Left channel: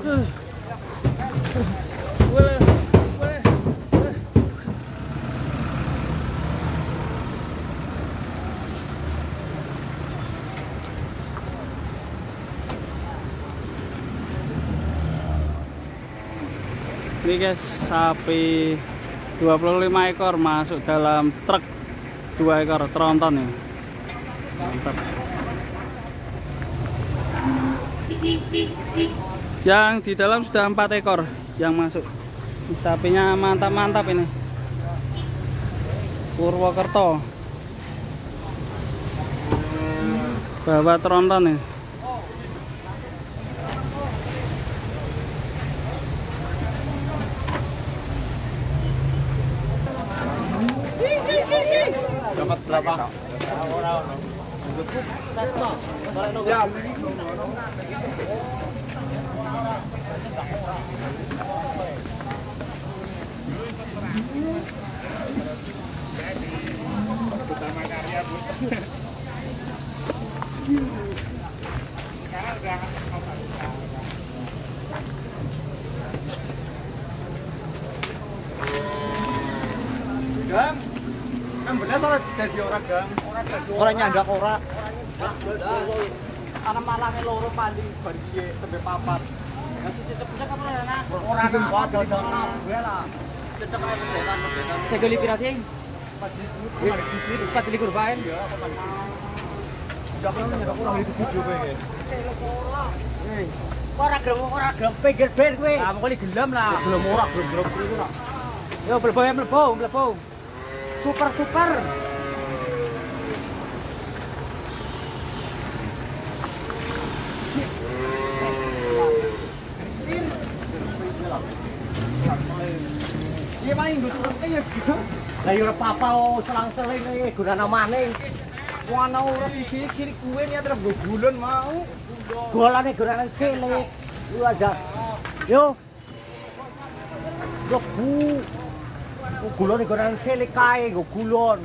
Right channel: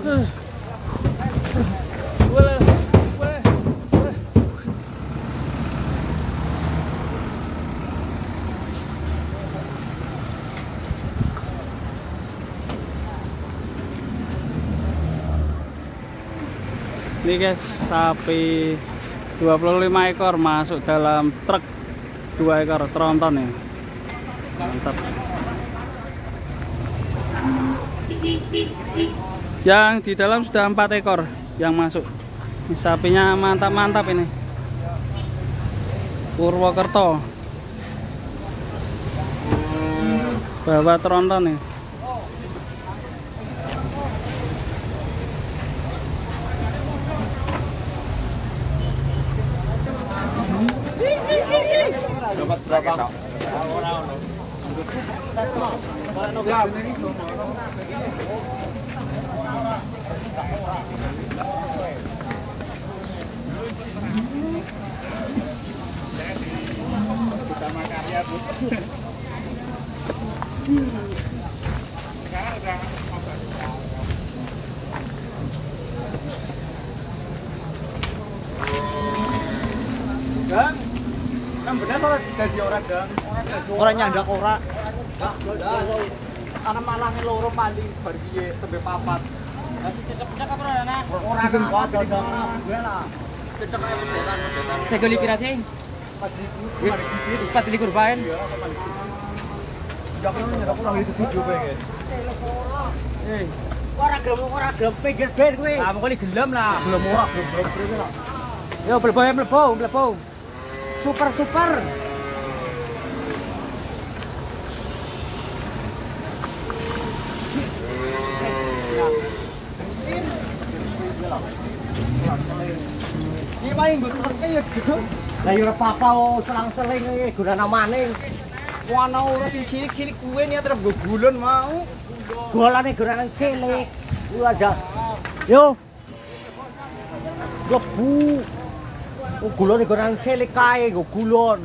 Boleh, boleh, boleh. Ini guys, sapi 25 ekor masuk dalam truk 2 ekor tronton ya. Mantap. Yang di dalam sudah 4 ekor yang masuk. Ini sapinya mantap-mantap ini. Purwokerto. Bawa tronton nih. Dapat berapa? Siap. Utama karya, Bu. Gang, kan bener soal dadi orang gang. Ora nyandak ora. Ana malange loro paling bar piye tembe papat. Ora gempa dagang gue lah. Kecekal kebetan. Segoli pirate? 4.000 kemarin disir. 4.000 baen. Iya, kemarin disir. Ya pernah nyandak ora itu video kowe. Hei, ora gelem pinggir ben kowe. Ah, pokoke gelem lah. Gelem ora gelem kowe lah. Yo mlebu. Super. Ini main gitu. Lah yo ora apa-apa selang-seling iki gunane maning. Wong ana ora sing cilik-cilik kuwe ni terus gulun mau. Golane gunane cilik. Ku ada. Yo. Yo bu. Gulon gunane cilik kae go gulon.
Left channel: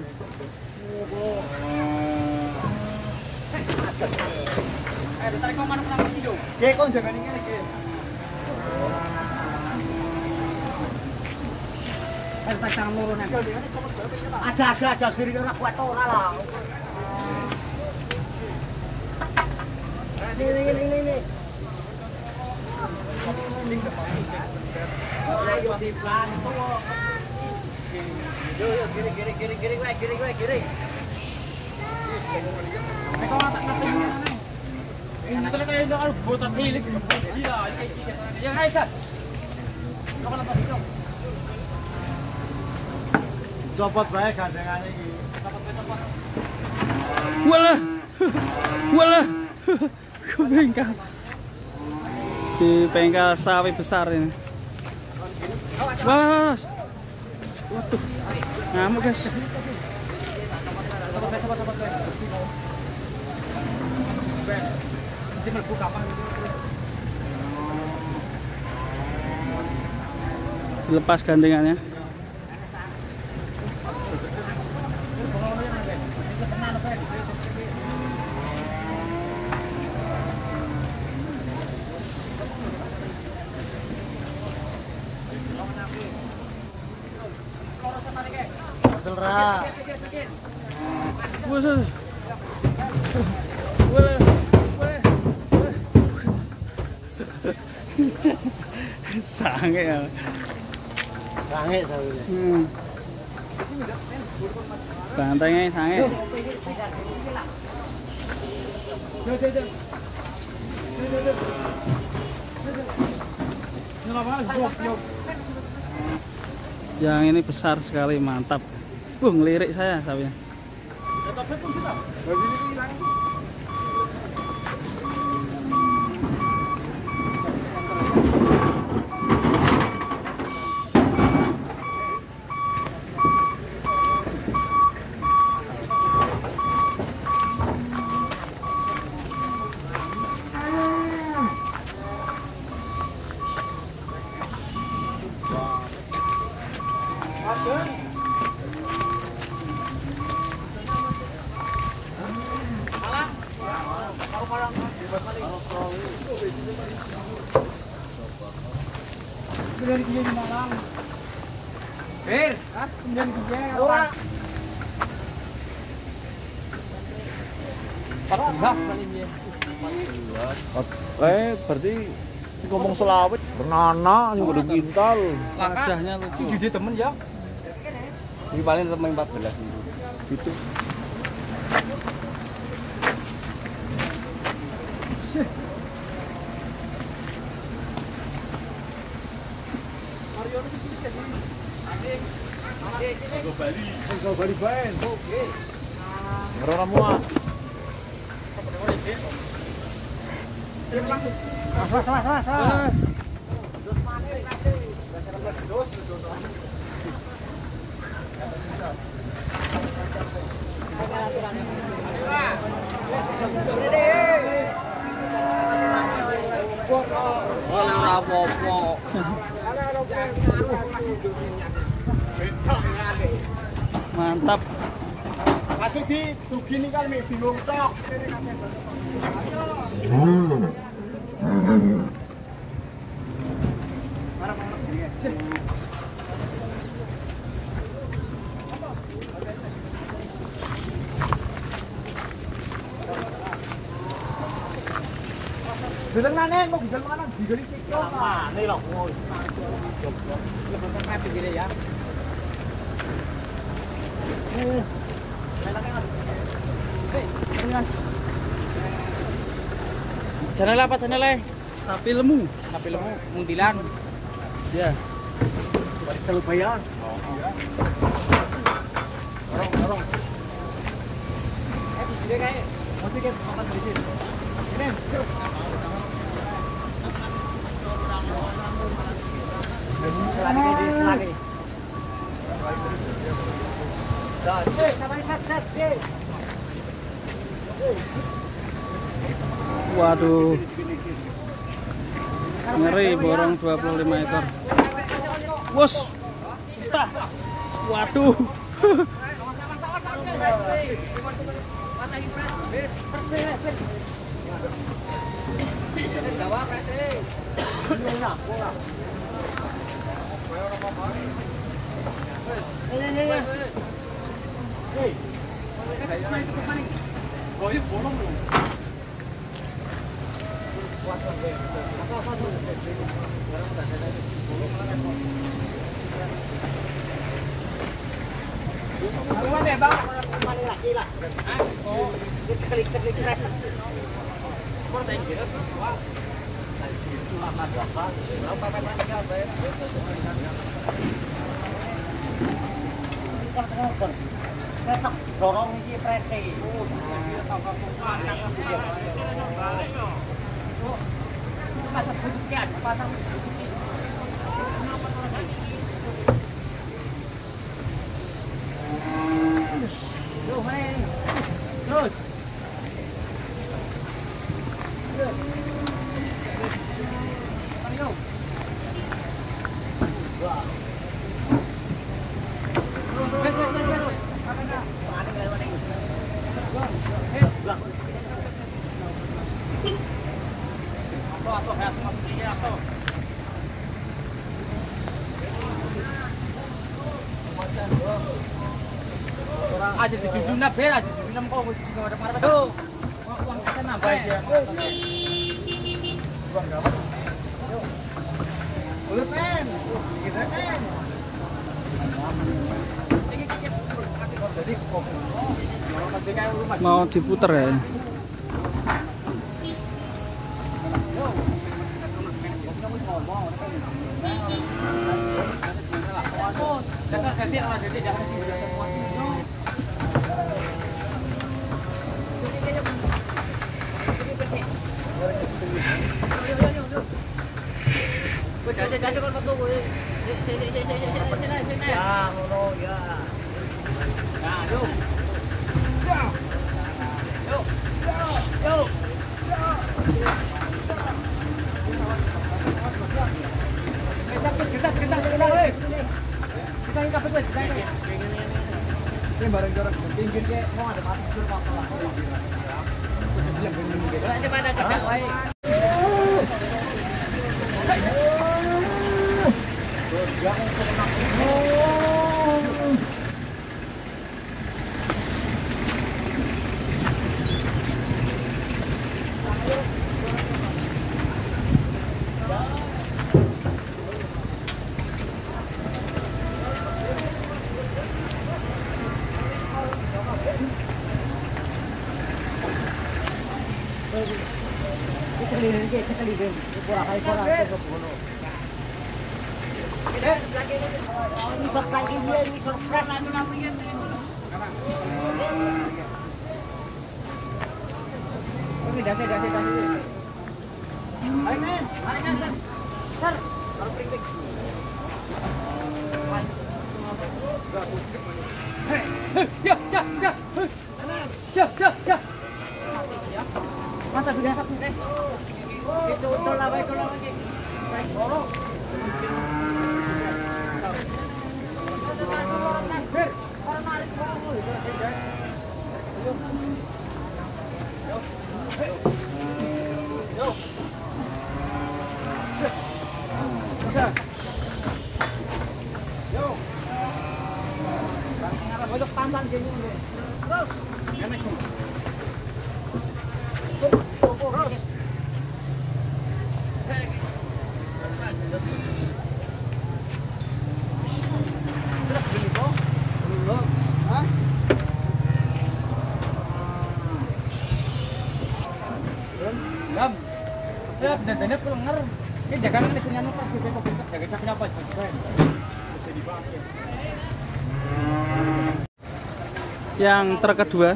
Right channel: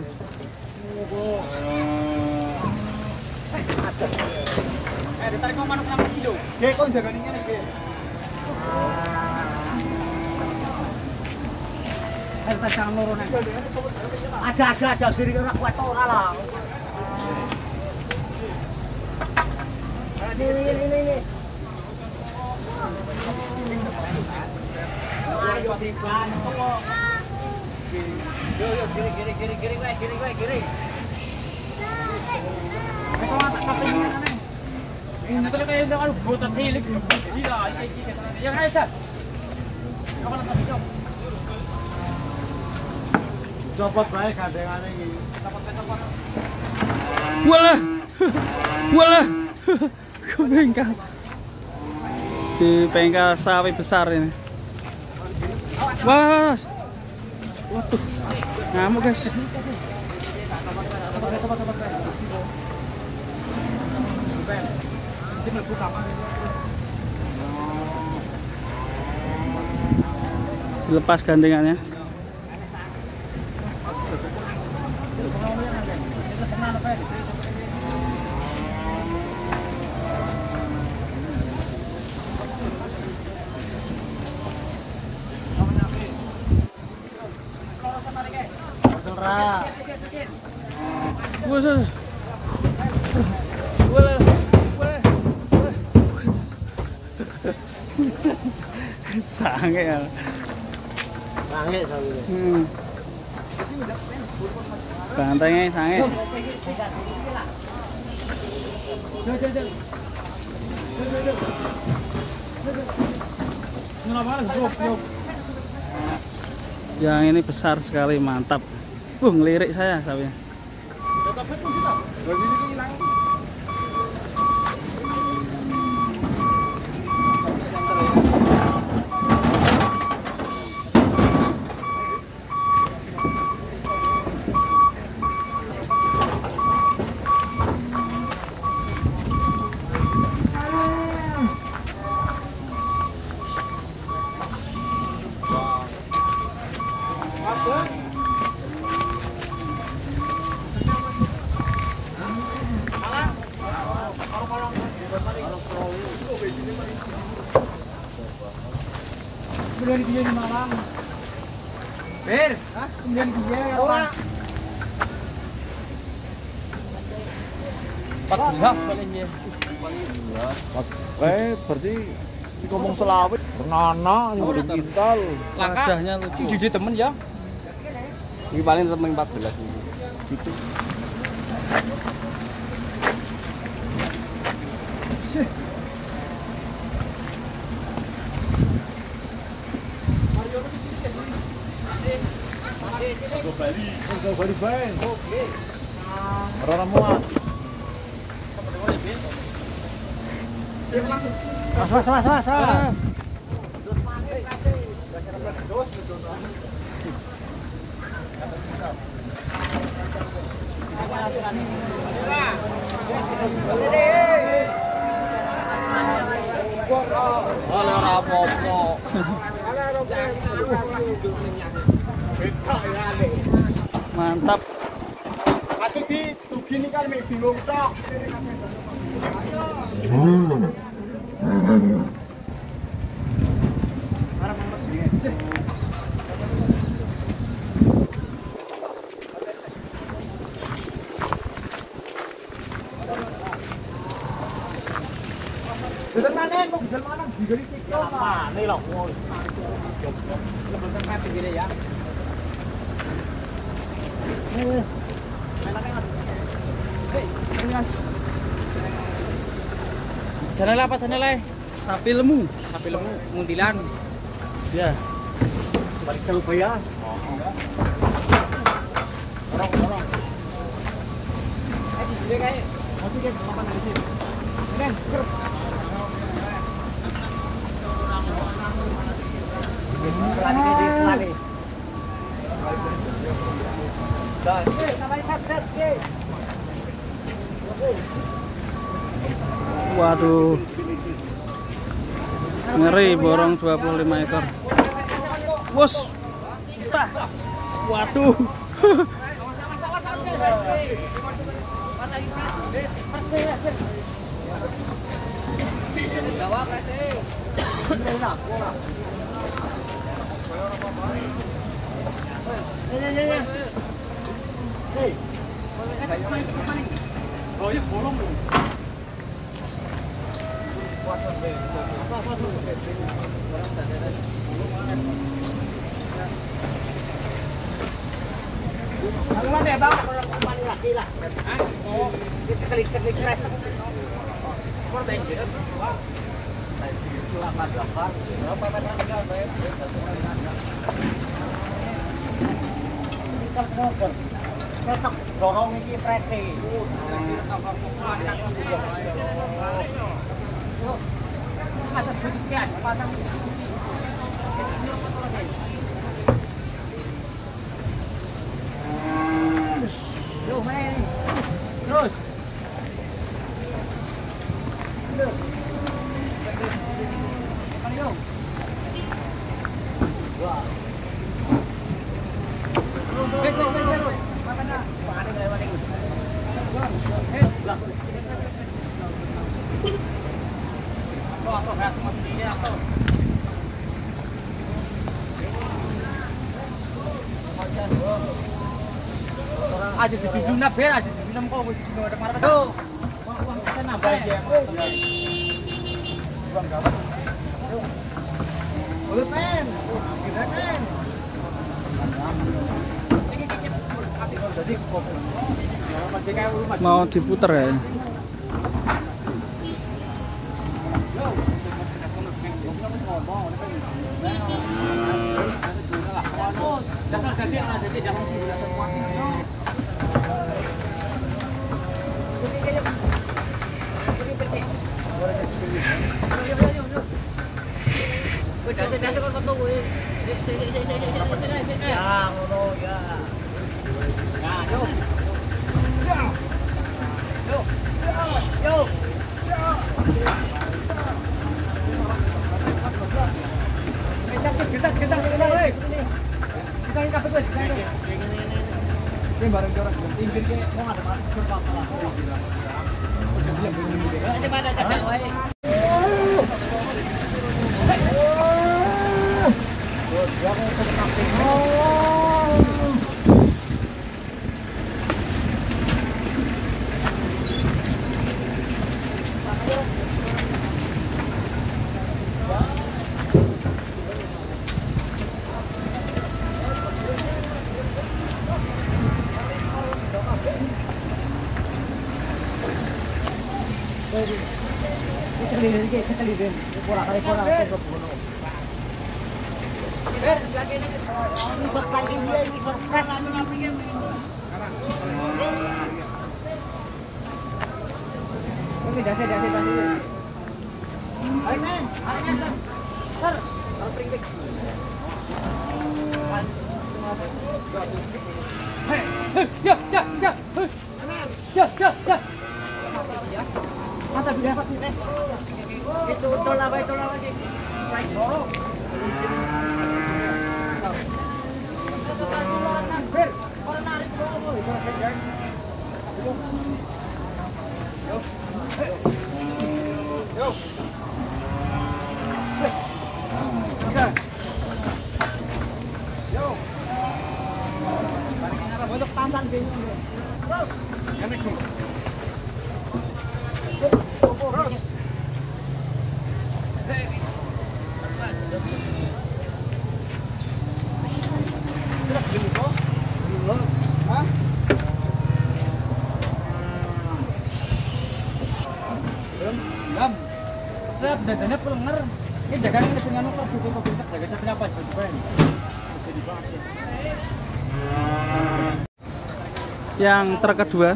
Ditarik kok mana-mana video. Ge kon jaga ngene ge. Pasang loro nek. Ada kiri ora kuat ora lah. Ini. Ayo pelan kok. Kiri. Nek kok tak kaping ngene. Ini tuh kayak itu kan botol cilik. Iya, kayak gitu. Yang Aisyah. Kapan tak bisa? Copot bae gandengan iki. Copot. Walah. Ke bengkel. Di bengkel sapi besar ini. Wah. Waduh. Ngamuk guys. Dilepas gandengannya. Boleh. Sange ya. Sange. Bantengnya sange. Yang ini besar sekali, mantap. Ngelirik saya sapinya. dari dia di Malang. Bir, hah? Kemudian dia orang. Berarti ngomong selawit. Nana udah kintal. Wajahnya lucu. Jadi temen ya. Ini paling temen 14 gitu. Bali bae. Oke. Ora muat. Mas. Ora apa-apa. Mantap. Kasih di tugi ini kan bingung tok. Gidel mana? Mau gidel mana? Gidel itu mana loh? Ya. Channel apa channel? Sapi lemu. Sapi lemu mundilan. Ya. Balik ke lumayan. Oh. Di sini kayak mau tiket makan di sini. Ini. Selagi. Waduh. Ngeri borong 25 ekor. Wos. Tah. Waduh. Oh, ini bolong loh. Mana ya, Bang? Laki lah. Oh, klik. Apa yang jelas? Wah. Itu lama berapa? Berapa kan? Ketok dorong iki prese. Pasang butuh pasang. Apa to lagi? Yo, men. Terus. Yo. Mario. Wah. Terus. Mana na? Paning lewat ini. Atau kayak semua sepertinya atau aja di dunia ber aja di dunia kau nggak ada marah tuh uang kita nambah ya boleh pen kita pen Mau diputer ya. Ya, ngono ya. Nah, yuk. Yuk. Ini barang jorok pinggir ke mau ada mati sur apa lah. Coba ada cakap wae. iki sekali ben. Ora kali ora kok bono. Ini surprise iki ini surprise anu napa iki. Oke, dah. Ayo men, Sir. Kalau pring-pring. Ya. Mata sudah dapat itu tolak lagi. Baik. Untuk tantan gini terus. Dadanya pelenger. Ini dagangan punya nu pas juga pemerintah jaga capnya apa juga. Yang truk kedua.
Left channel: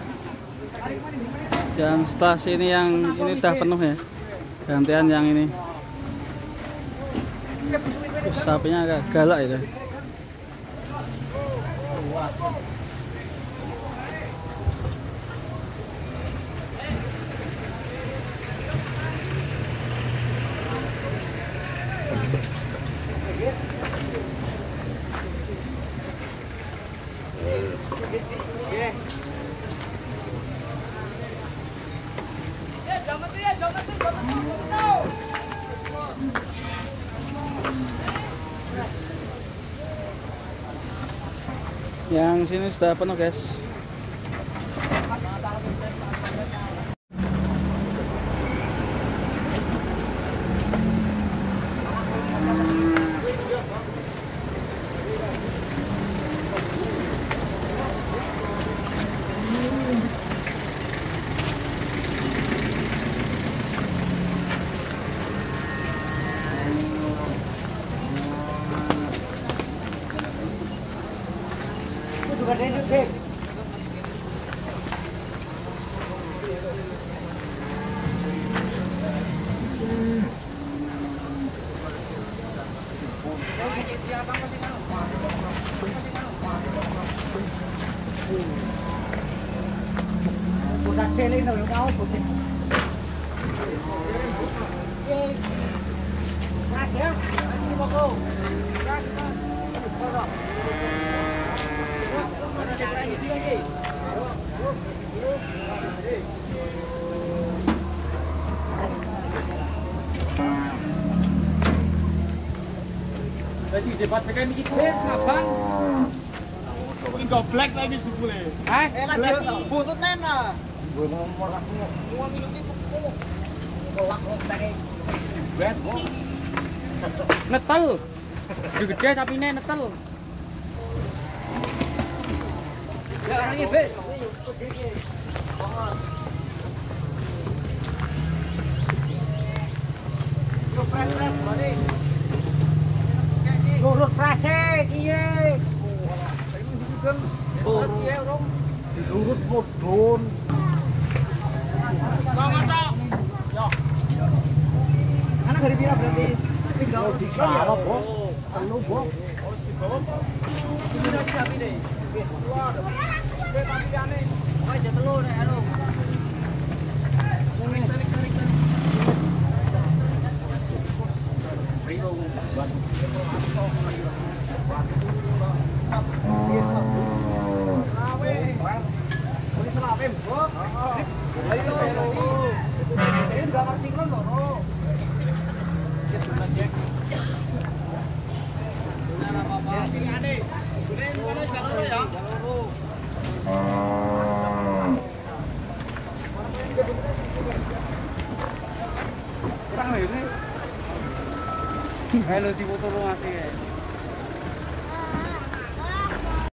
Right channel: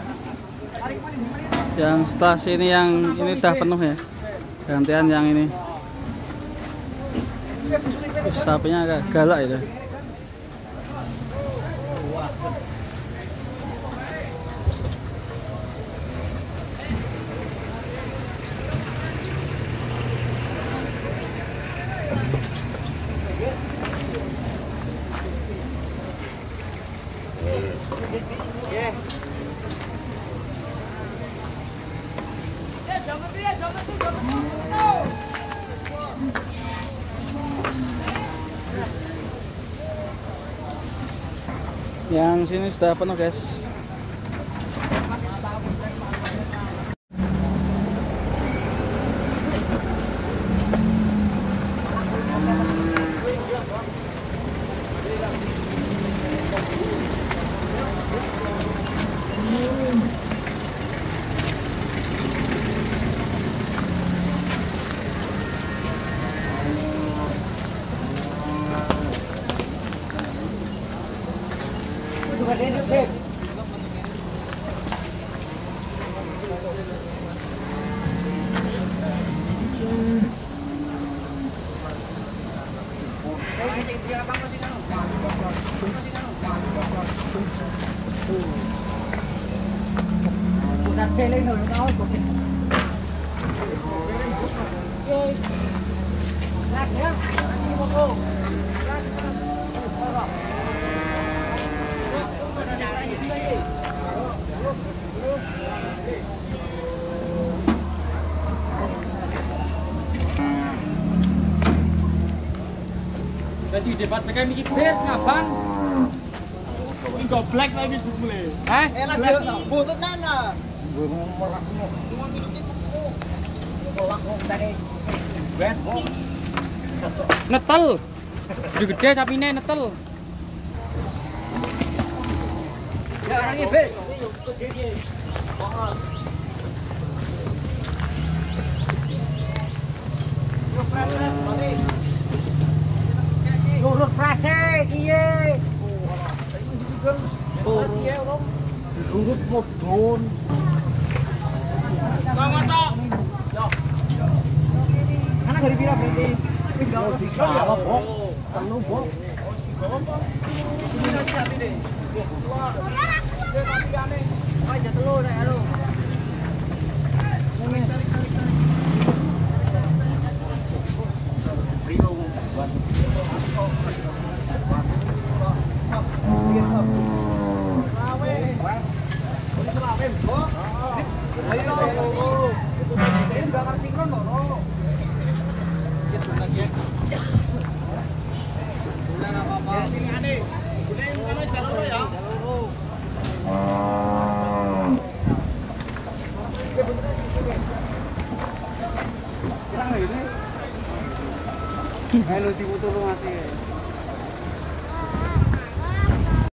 Yang setelah sini yang ini udah penuh ya. Gantian yang ini. Sapinya agak galak itu. Yang sini sudah penuh guys. Baju debat pakai mikir ngapan? Ini goblek lagi sebule. Lagi butut nana. Gue mau merakmu. Cuma minumin kuku. Kolak kok tadi. Bet kok. Netel. Gede sapine netel. Ya orangnya bet. Lurus prase kiye. Lurus modon. Anak dari pira berarti? Tiga ya apa, Bro? Anu, Bro. Ini lagi sapi deh. Oh, ada telur nek anu. Ayo nanti foto lu ngasih.